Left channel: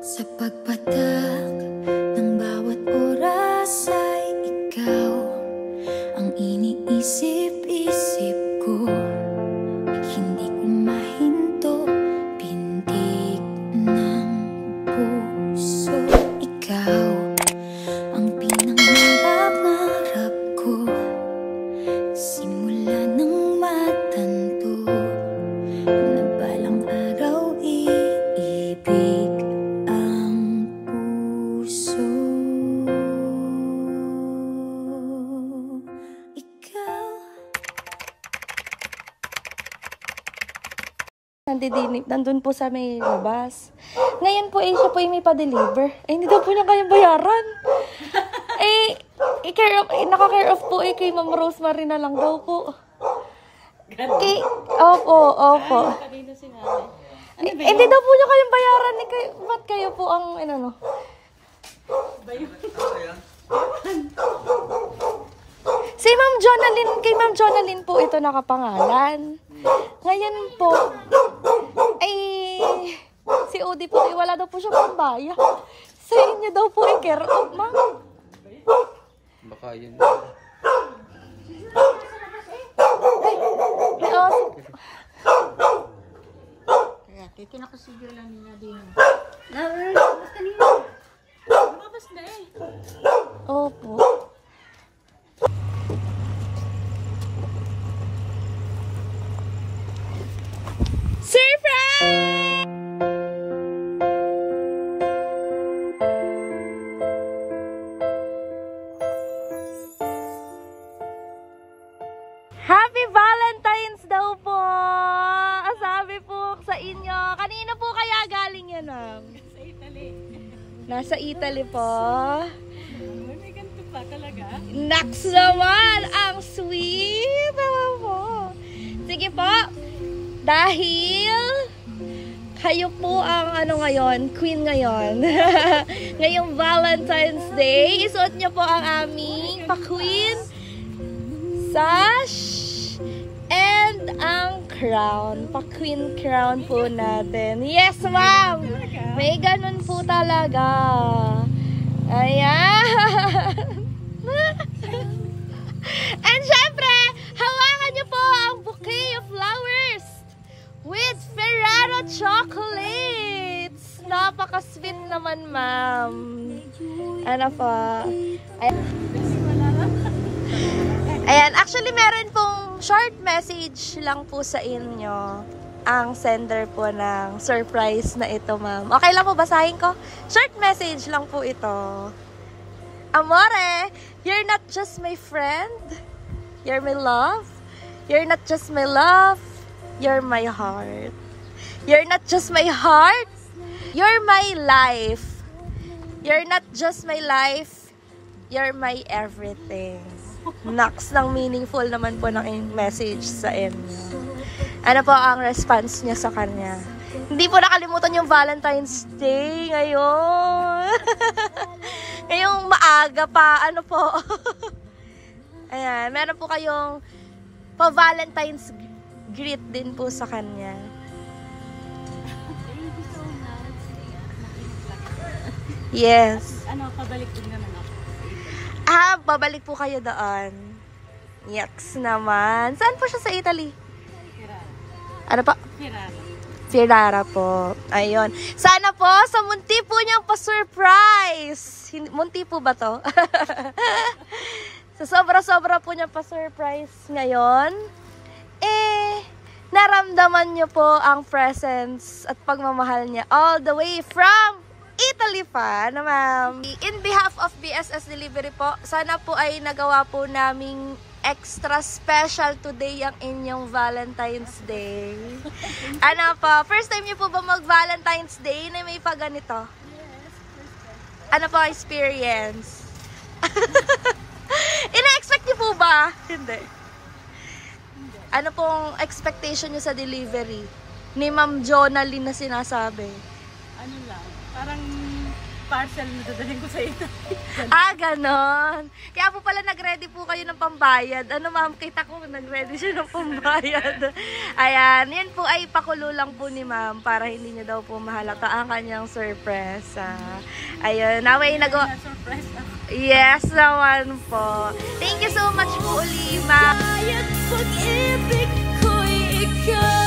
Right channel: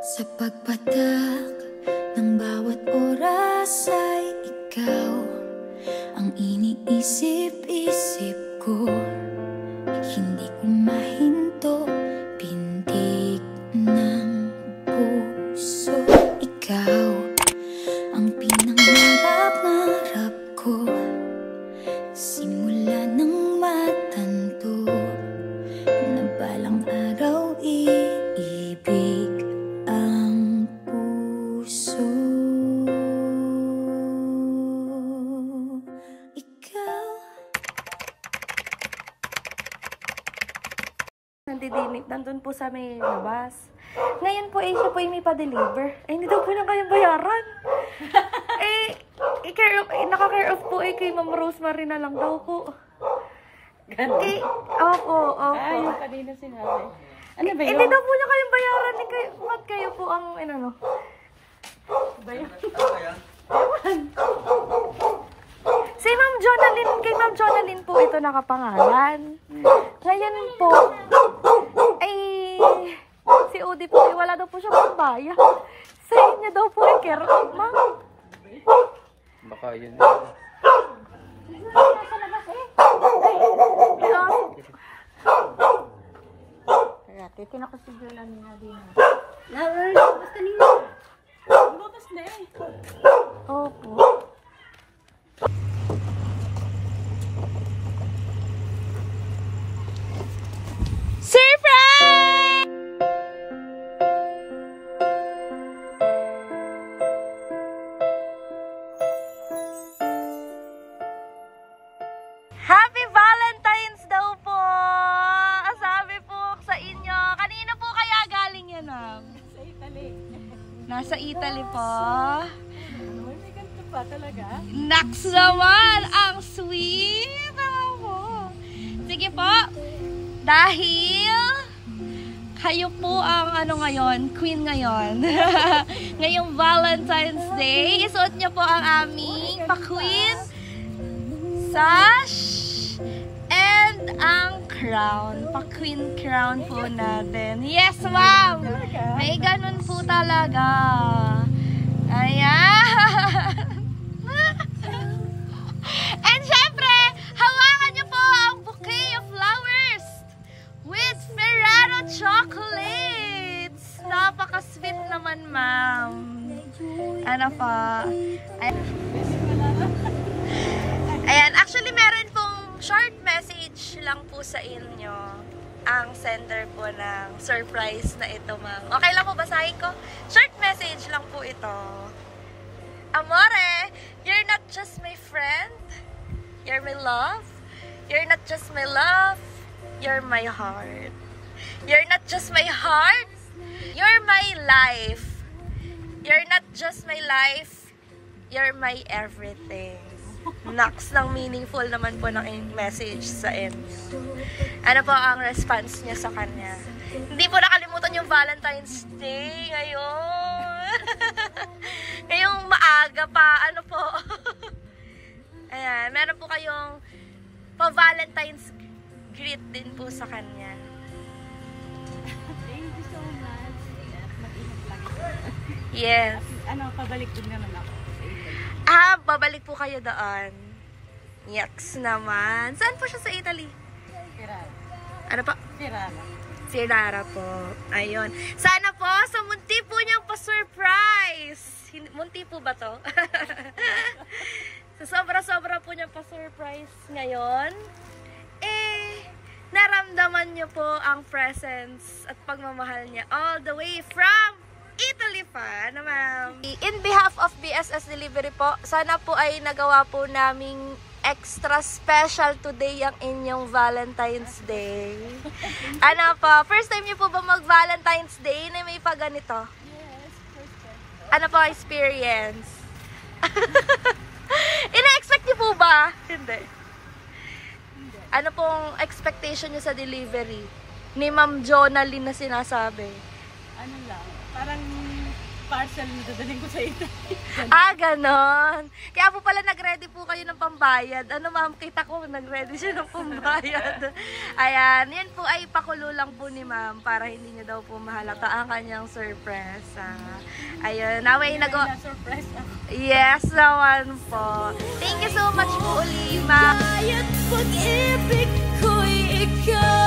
Sa pagpatak ng bawat oras ay ikaw ang iniisip-isip ko. Hindi ko mahinto, pintig ng puso. Ikaw ang pinangarap-ngarap ko, simula ng matanto na balang araw iibig ang puso. Ikaw. Nandun po sa may labas. Ngayon po, siya po yung may pa-deliver. Hindi daw po niya kayang bayaran. Naka-care off po kay Ma'am Rosemary na lang daw po. Opo. Ay, kanina sinabi. Ano ba yun? Hindi daw po niya kayang bayaran. Ba't kayo po ang, Ba yun? Si Ma'am Jonalyn, kay Ma'am Jonalyn po ito nakapangalan. Ngayon po, si Odi po, wala daw po siya pambaya. Sa inyo daw po i-care off, Ma'am. Baka yun. Kaya, titin ako si Jolan na din. Basta kanina. Babas na eh. Opo. Surprise! Happy Valentine's daw po! Sabi po sa inyo. Kanina po kaya galing yan, Ma'am? Sa Italy. Nasa Italy po. May ganito pa talaga. Naks naman! Ang sweet! Naman po. Sige po. Dahil kayo po ang ngayon, queen ngayon. Ngayong Valentine's Day, isuot niyo po ang aming pa-queen sash and ang crown. Pa-queen crown po natin. Yes, ma'am! May ganun po talaga. Ayan! And syempre, hawakan niyo po ang bouquet of flowers with Ferrero chocolates. Napaka-sweet naman, ma'am. Ano po? Ayan, actually meron pong short message lang po sa inyo ang sender po ng surprise na ito, ma'am. Okay lang po, basahin ko? Short message lang po ito. Amore, you're not just my friend. You're my love. You're not just my love. You're my heart. You're not just my heart. You're my life. You're not just my life. You're my everything. Naks ng meaningful naman po ng message sa inyo. Ano po ang response niya sa kanya? Hindi po nakalimutan yung Valentine's Day ngayon. Ngayong maaga pa. Ano po? Ayan, meron po kayong pa-Valentine's greet din po sa kanya. Thank you so much. Mag-ingat lagi. Yes. Pabalik din naman ako. Babalik po kayo doon. Yaks naman. Saan po siya sa Italy? Ferrara. Ano pa? Ferrara. Ferrara po. Ayun. Sana po sa munti po niyang pa-surprise. Munti po ba to? So, sobra-sobra po niya pa-surprise ngayon. Naramdaman niyo po ang presence at pagmamahal niya all the way from Italy pa, na ma'am. In behalf of BSS Delivery po, sana po ay nagawa po naming extra special today ang inyong Valentine's Day. Ano po, first time niyo po ba mag-Valentine's Day na may paganito? Yes, first time. Ano po experience? Ina-expect niyo po ba? Hindi. Ano pong expectation niyo sa delivery ni Ma'am Jonalyn na sinasabi? Ano lang, parang parcel yung dadalhin ko sa ito. Ganon. Kaya po pala nag-ready po kayo ng pambayad. Ano ma'am, kita ko nag-ready siya ng pambayad. Ayan, yan po ay pakulo lang po ni ma'am para hindi niya daw po mahalata ang kanyang surprise. Ayun, naway Surprise ako. Yes naman po. Thank you so much po uli ma'am. Kaya't pag-ibig ko'y ikaw.